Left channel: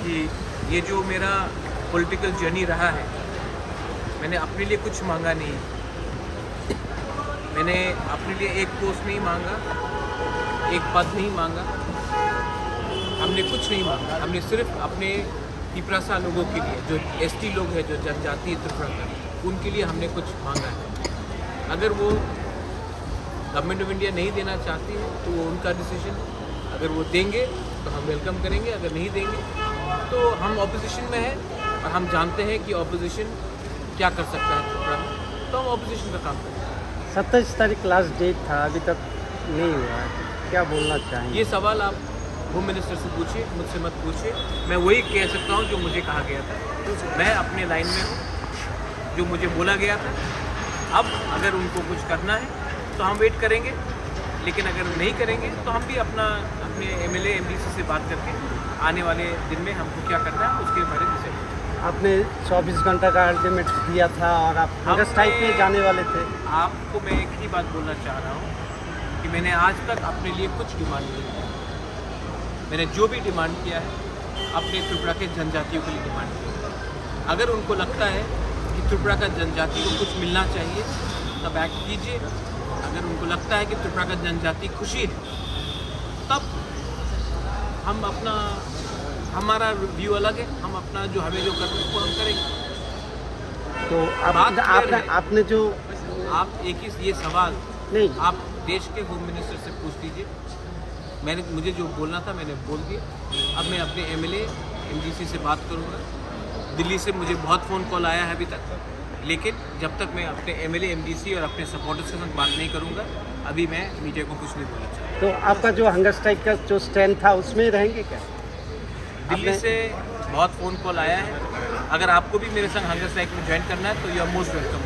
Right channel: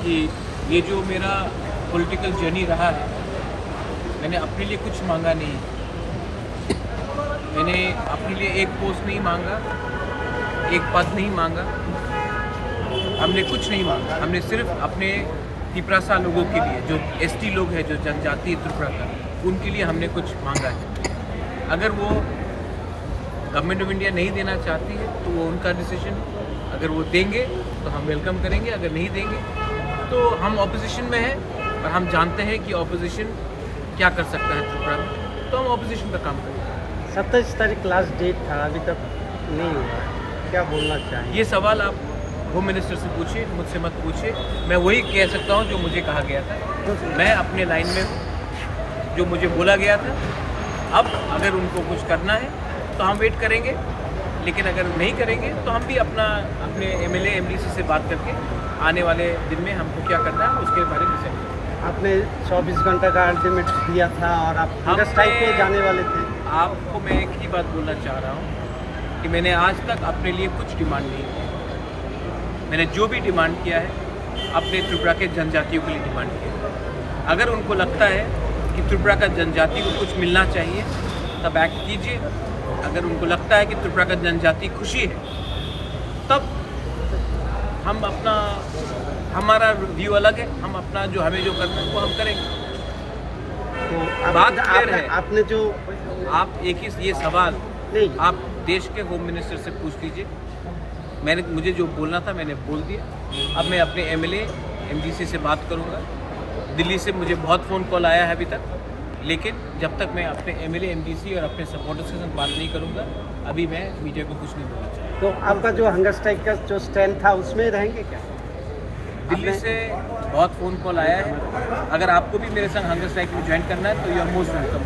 कि ये जो मेरा पॉलिटिकल जर्नी रहा है, मैंने अपने लिए कुछ मांगा नहीं है। मैंने अपने लिए एक पोस्ट नहीं मांगा, एक पद नहीं मांगा, हमने कुछ नहीं मांगा। हमने सिर्फ अपने तिपरासा लोगों के लिए, जो एसटी लोग हैं, जो जनजाति त्रिपुरा का, उनके लिए हमने कुछ मांगा है। अगर वो गवर्नमेंट ऑफ इंडिया नहीं देना चाहती है तो वो उनका डिसीजन है। अगर वो देंगे तो हम वेलकम करेंगे, अगर नहीं देंगे तो हम ऑपोजिशन में हैं और हम जानते हैं कि ऑपोजिशन क्या कर सकता है त्रिपुरा में, तो हम ऑपोजिशन का काम करेंगे। 27 तारीख लास्ट डेट था, अभी तक नहीं हुआ, क्या बोलना चाहिए? ये सवाल आप होम मिनिस्टर से पूछिए, मुझसे मत पूछिए। मैं वही कह सकता हूँ जो मुझे कहा गया था। मैं अपने लाइन में हूँ, जो मुझे बोला गया था। अब अगर उनको कुछ करना है तो हम वेट करेंगे, लेकिन अगर नहीं करेंगे तो हम भी अपने एमएलए एमडीसी से बात करके आने वाले दिन में हमको क्या करना है उसके बारे में डिसाइड। आपने 24 घंटा का अल्टीमेट दिया था और आप हंगर स्ट्राइक पे जाने वाले थे। आपको मैं एक ही बात बोलना चाह रहा हूँ कि मैंने आज तक अपने लिए कुछ डिमांड नहीं की। मैंने जो भी डिमांड किया है अपने त्रिपुरा के जनजातियों के लिए डिमांड किया। अगर उनको लगता है कि त्रिपुरा का जनजाति को कुछ मिलना चाहिए तब एक्ट कीजिए। अगर उनको लगता है कि त्रिपुरा का जनजाति खुशी है तब हम हमारा व्यू अलग है, हम अपना जो हमें जो करना है वो हम करेंगे। तो बात क्लियर है। आपने जो आप एक ही ये सवाल नहीं, आप देश के होम मिनिस्टर से पूछ लीजिए। मुझे जो बोलना था मैंने बोल दिया। अब मैं अपने एमएलए एमडीसी से बात करूंगा। दिल्ली से मुझे बहुत फ़ोन कॉल आया है अभी तक, लेकिन जब तक मैं अपने एमएलए एमडीसी और अपने सपोर्टर्स के साथ बात नहीं करूंगा, अभी मैं मीडिया को कुछ नहीं बोलना चाहता। तो आपका जो हंगर स्ट्राइक का जो स्टैंड था उसमें रहेंगे क्या? दिल्ली से बहुत फ़ोन कॉल आया है। अगर आपको भी मेरे संग हंगर स्ट्राइक में ज्वाइन करना है तो यू आर मोस्ट वेलकम।